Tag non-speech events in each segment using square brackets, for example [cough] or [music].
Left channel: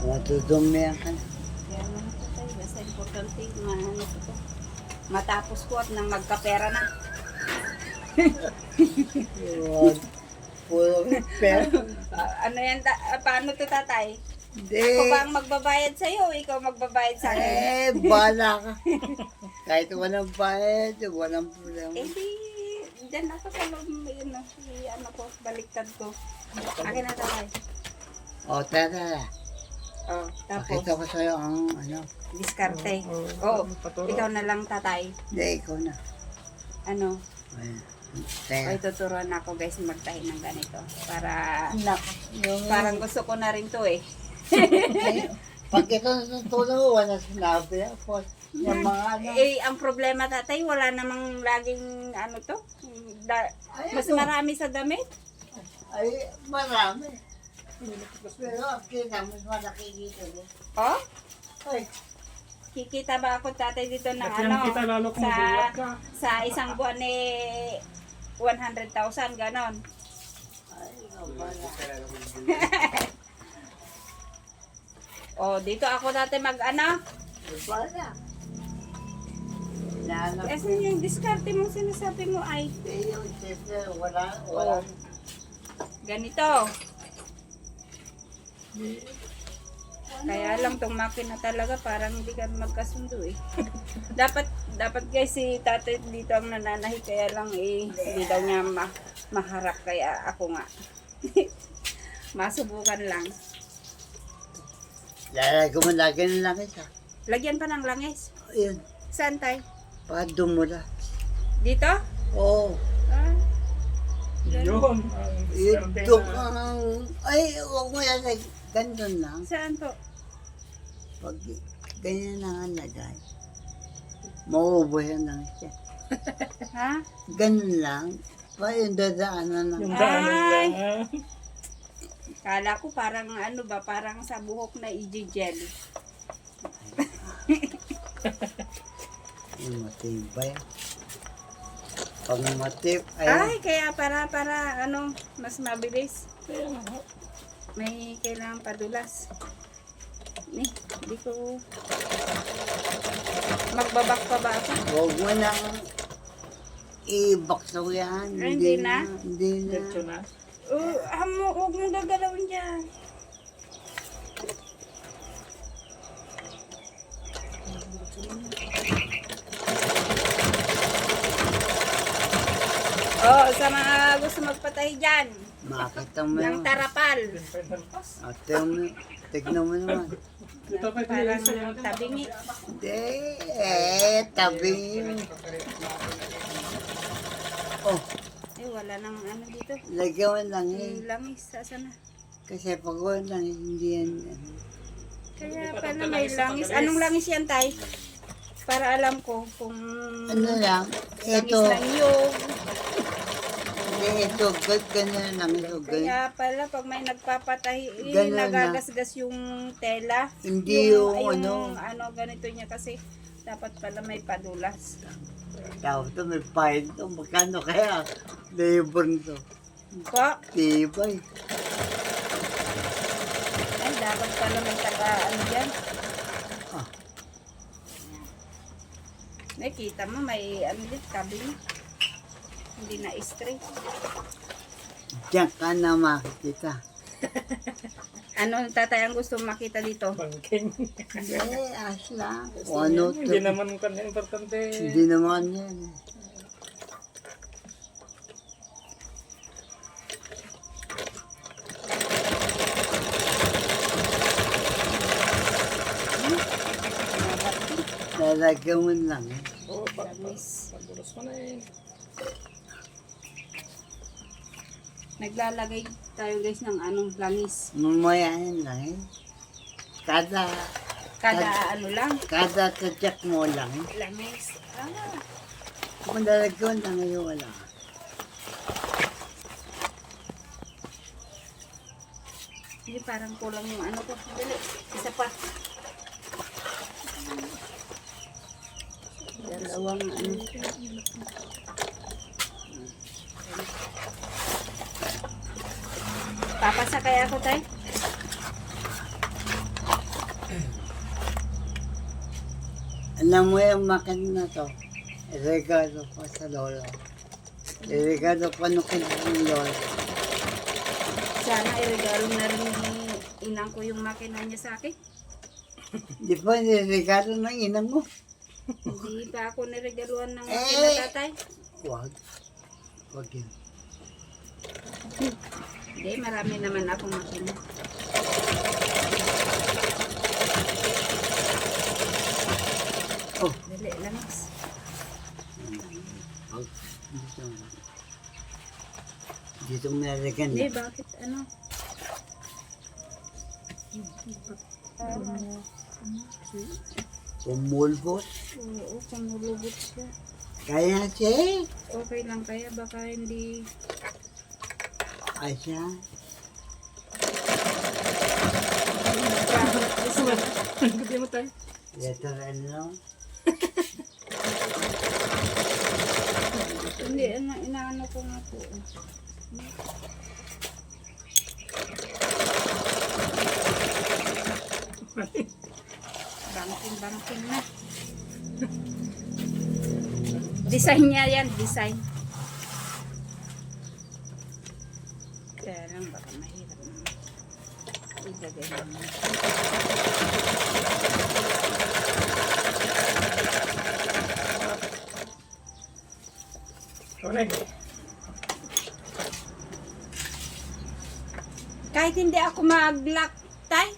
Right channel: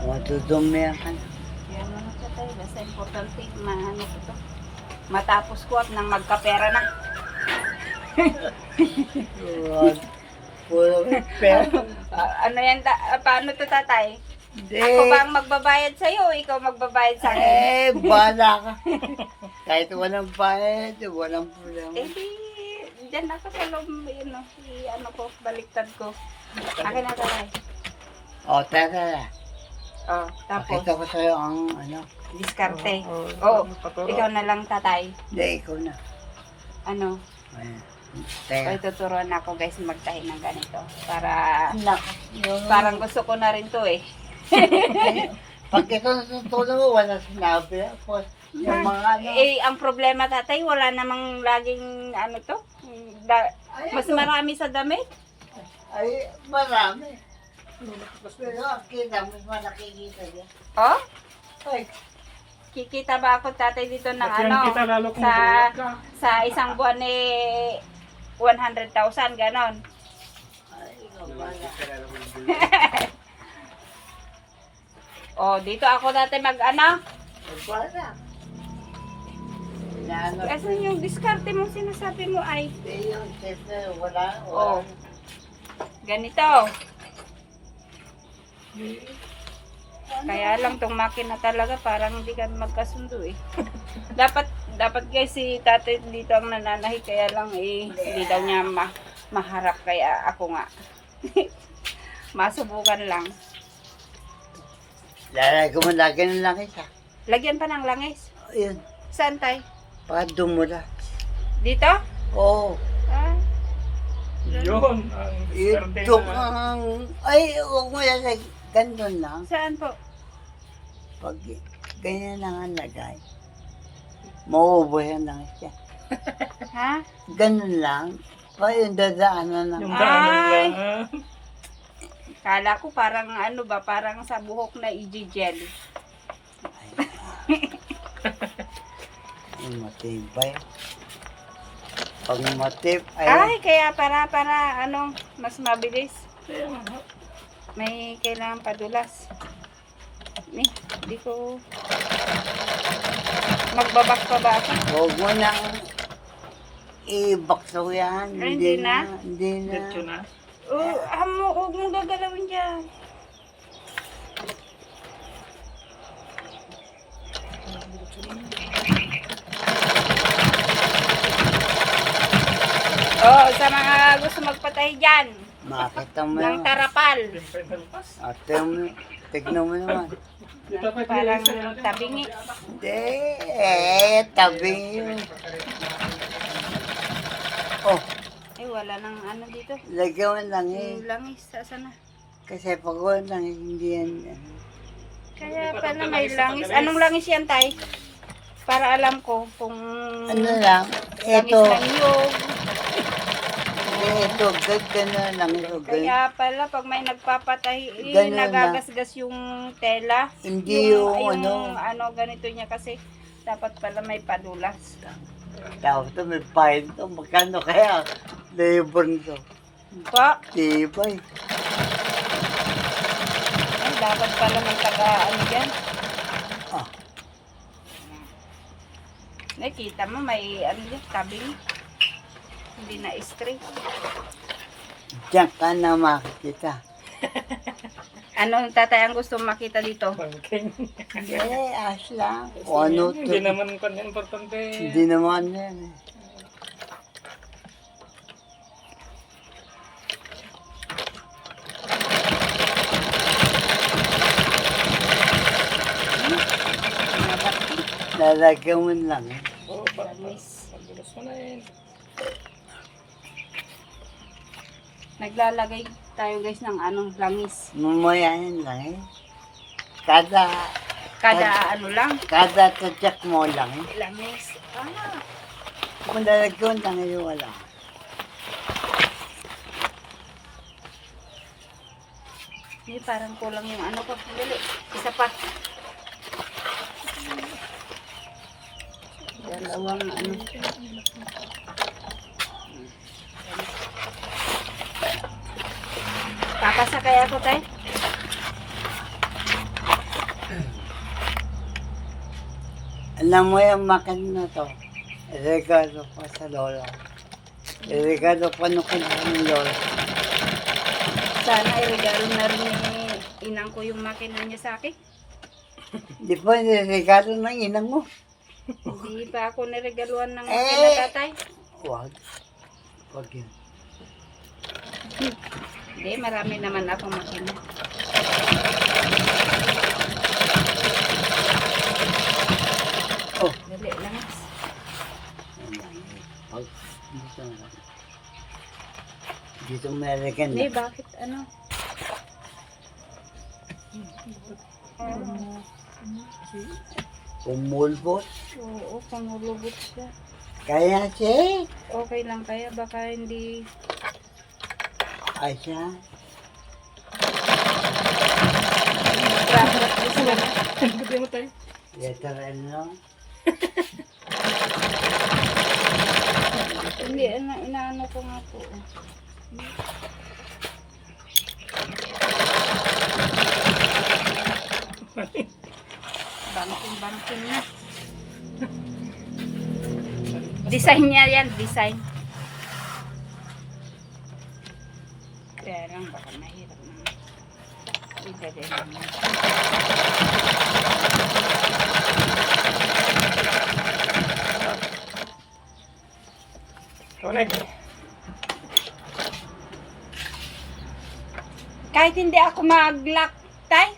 Matudumihan ka na. Kaya ano na tatay, basta importante, maano ko to. Matapos ko at nang magkapera na. Wag. Puro pera. [laughs] Ano yan, ta- ah, paano to tatay? Hindi. Ako ba ang magbabayad sa'yo o ikaw magbabayad sa akin? Eh, bahala [laughs] ka. Kahit walang bayad, walang problema. Eh di, dyan ako sa loob, yun no, i- ano ko, baliktad ko. Akin na tatay. O, tara. Oh, tapos, Pakita ko sa'yo ang ano. diskarte. Oo, ikaw na lang tatay. Hindi, ikaw na. Ano, Ayan. ay Teka. tuturuan ako guys magtahi ng ganito. Para, Nako. Parang gusto ko na rin to eh. [laughs] pag ikaw natutulog mo, wala sinabi. Tapos, yung mga ano. Eh, ang problema tatay, wala namang laging ano to. Da- Ay, mas ano? marami sa damit. Ay, marami. Pero ang kita, mas malakikita niya. Oh, Ay, kikita ba ako tatay dito ng Bakyan ano? kita lalo kung sa ka. sa isang buwan eh 100,000 ganon. ay, ikaw bala. Oh, dito ako dati mag ano? Ay, bala. Inaanap Kasi yung diskarte mo sinasabi mo ay yun, siyempre, wala, Oh. wala. ganito. Kaya lang tong makina talaga parang hindi ka magkasundo eh. [laughs] dapat dapat guys si tatay dito ang nananahi kaya lang eh hindi daw niya ma maharap kaya ako nga. [laughs] Masubukan lang. Lalagay mo lagi ng langis ha. Lagyan pa ng langis. Yun, Saan tay? para dumula. Dito? Oo. Ah, Yun. ang Ito na- ang, ay, huwag mo lalagay. Ganun lang. saan po? Pag ganyan lang ang lagay, mauubos ang langis siya. Ha? Ganun lang. Pa yung dadaanan ng Yung daanan Ay! lang. Kala ko parang ano ba, parang sa buhok na i-gel. Ay, matibay. Pag matip, ay, Ay, kaya para, para, ano, mas mabilis. May kailangan padulas. Ni, di ko... Magbabak pa ba ako? huwag mo nang ibaksaw yan. Ay, hindi na? Hindi na. Diretso na. Oh, hamo, huwag mong gagalawin dyan. Oh, sa mga gusto magpatay dyan, Makita mo ng naman. tarapal. Nalpas. Ate mo, tignan mo naman. Parang tabingi. Hindi, eh, tabi yun. Oh, Eh, wala nang ano dito. lagyan mo lang eh. Yung langis, saan na? Kasi pag wala lang, hindi yan. ano. Kaya pala may langis. Anong langis yan, tay? Para alam ko kung Ano lang, langis ito, ng yog. Ito, gagana lang ito. Kaya pala pag may nagpapatay, eh, Ganun lang. nagagasgas yung tela. Hindi yung, ano, ano, ganito niya kasi dapat pala may padulas. tapos ito may file to, magkano kaya? Labor nito. Pa, Tibay. ay dapat pala may taga ano dyan. Ah. Nakita mo may ano dyan, tabing. Hindi na straight. Diyan ka na makikita. [laughs] Ano tatay ang gusto makita dito? Bangking. Eh, as lang. O ano to. Hindi naman pa importante. Hindi naman yan. eh. Lalagyan mo lang. Oo, pa- Langis. Pagulas mo na yun. Naglalagay tayo guys ng anong langis. Mamayain lang eh. Kada, Kada ano lang. kada tatyak mo lang eh. Langis. Ah. Kung lalagyan lang eh, wala. Hindi, parang kulang yung ano ko. Dali, isa pa. Dalawang ano. Papasakay ako tayo. Alam mo yung makin na to. Regalo ko sa lolo. Regalo ko nung kinuha ng lolo. Sana iregalo na rin ni inang ko yung makina niya sa akin. [laughs] Di ba niregalo ng inang mo? Hindi pa ako niregaluan ng eh! makina tatay. Huwag. Huwag yun. [laughs] Hindi, marami naman akong makina. Oh. Dali lang. Dito na. Dito Hindi, na. bakit ano? Umulbot. Oo, pangulubot siya. Kaya siya. Okay lang kaya, baka hindi... Ay siya. Practice lang. Hindi mo tayo. Yataran lang. Hindi, ano, inaano ko nga po. Banting-banting na. design niya yan, design. Kaya lang, baka mahirap na. Connect. Kahit hindi ako mag-lock, tay?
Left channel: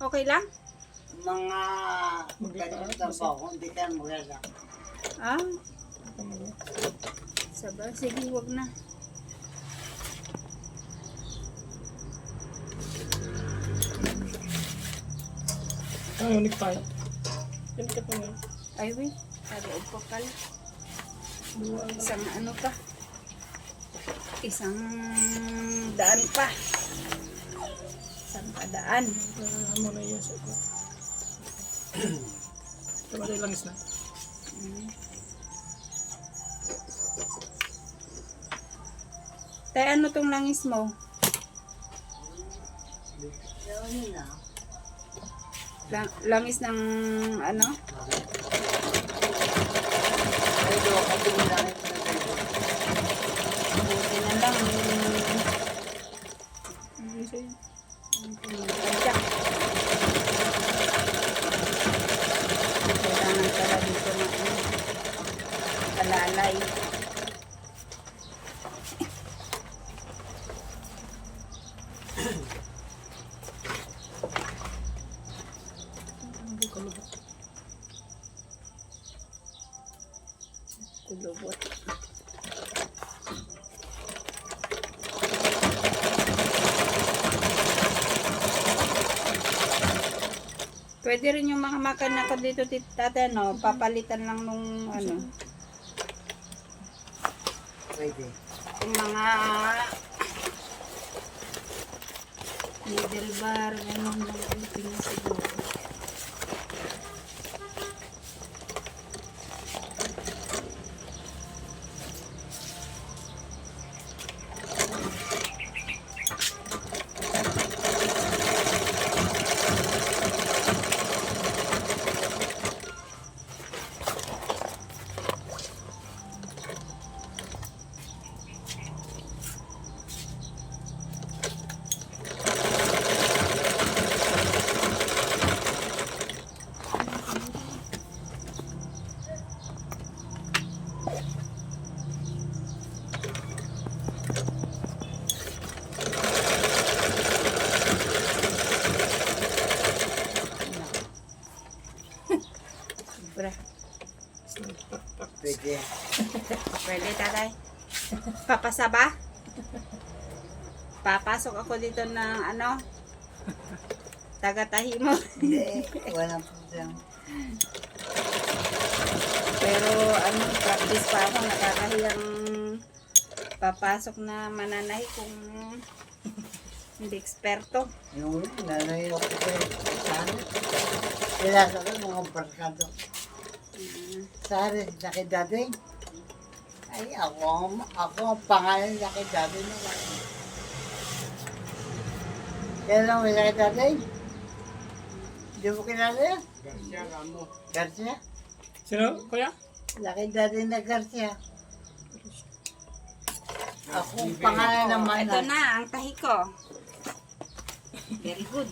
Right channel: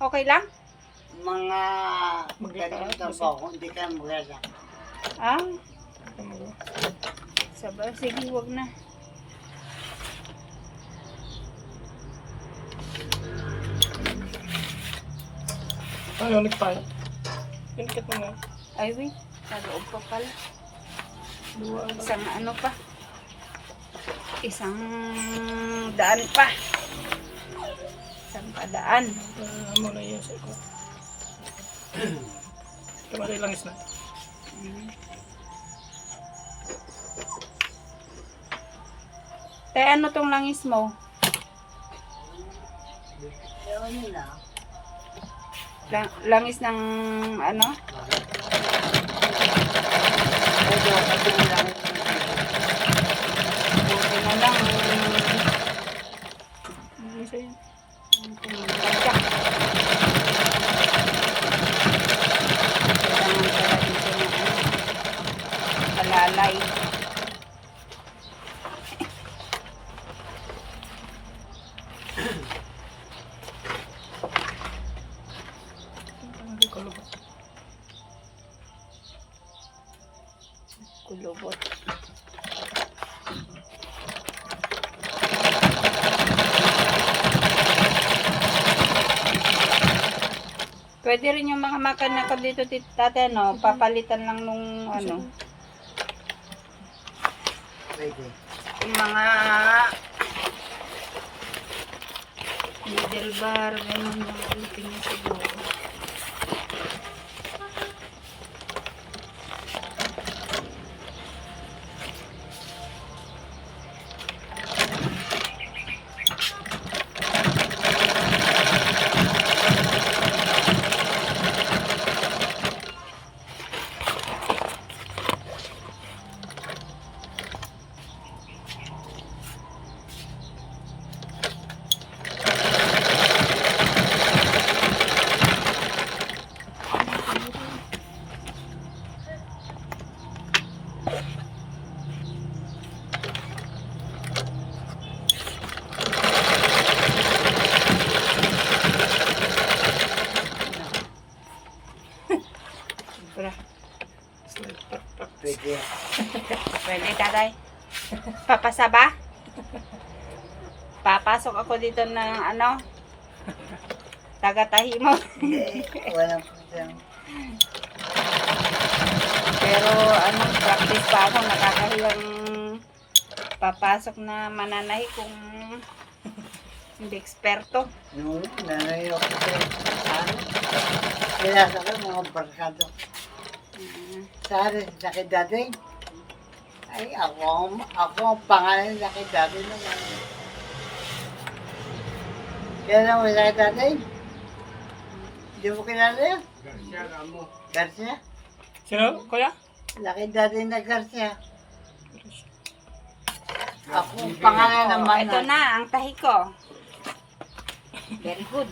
Okay lang? Mga basta. po, kung di ka maganda. Ah, sabay. Sige, wag na. Ano, nagpahit. Pinikit mo nga. Ay, wait. Sa loob pa pala. Ang Isang ano pa. Isang daan pa. Isang padaan. Ah, Amo na yan sa ito. Kamari langis na. Mm. Tay, ano tong langis mo? Ewan nyo na. Lang- langis ng ano? Ito, kasi mo lang ito. Buti na lang. Ano? Pagka. Kailangan pala dito ng ano, alalay. Pwede rin yung mga makina ko dito, tit- tate, ano, papalitan lang nung, ano, Pwede. yung mga middle bar, gano'n yung Tatay. Papasaba? Papasok ako dito ng ano? Tagatahi mo. Hindi. Walang problema. Pero ano, practice pa ako. Nakakahiyang papasok na mananahi kung hindi eksperto. Nung nanayo ko sa ano, kilasa ko mga barkado. Mm. Sari, laki dati. Ay, ako, ang- ako ang pangalan laki dati naman. Kaya naman laki dati. Hindi mo kilala yun? Garcia? Sino, kuya? Laki dati na Garcia. Ako, pangalan Oh, naman ito na, ang tahi ko. Very good.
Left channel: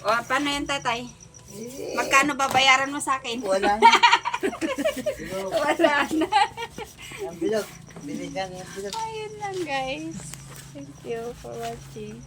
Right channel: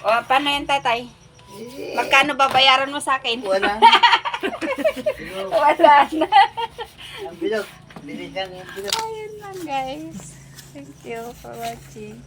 O, paano yan, tatay? Eh, Magkano babayaran mo sa akin? Wala na. [laughs] [laughs] Wala na. Ang bilog. Bilisan ang bilog. Ayun lang, guys. Thank you for watching.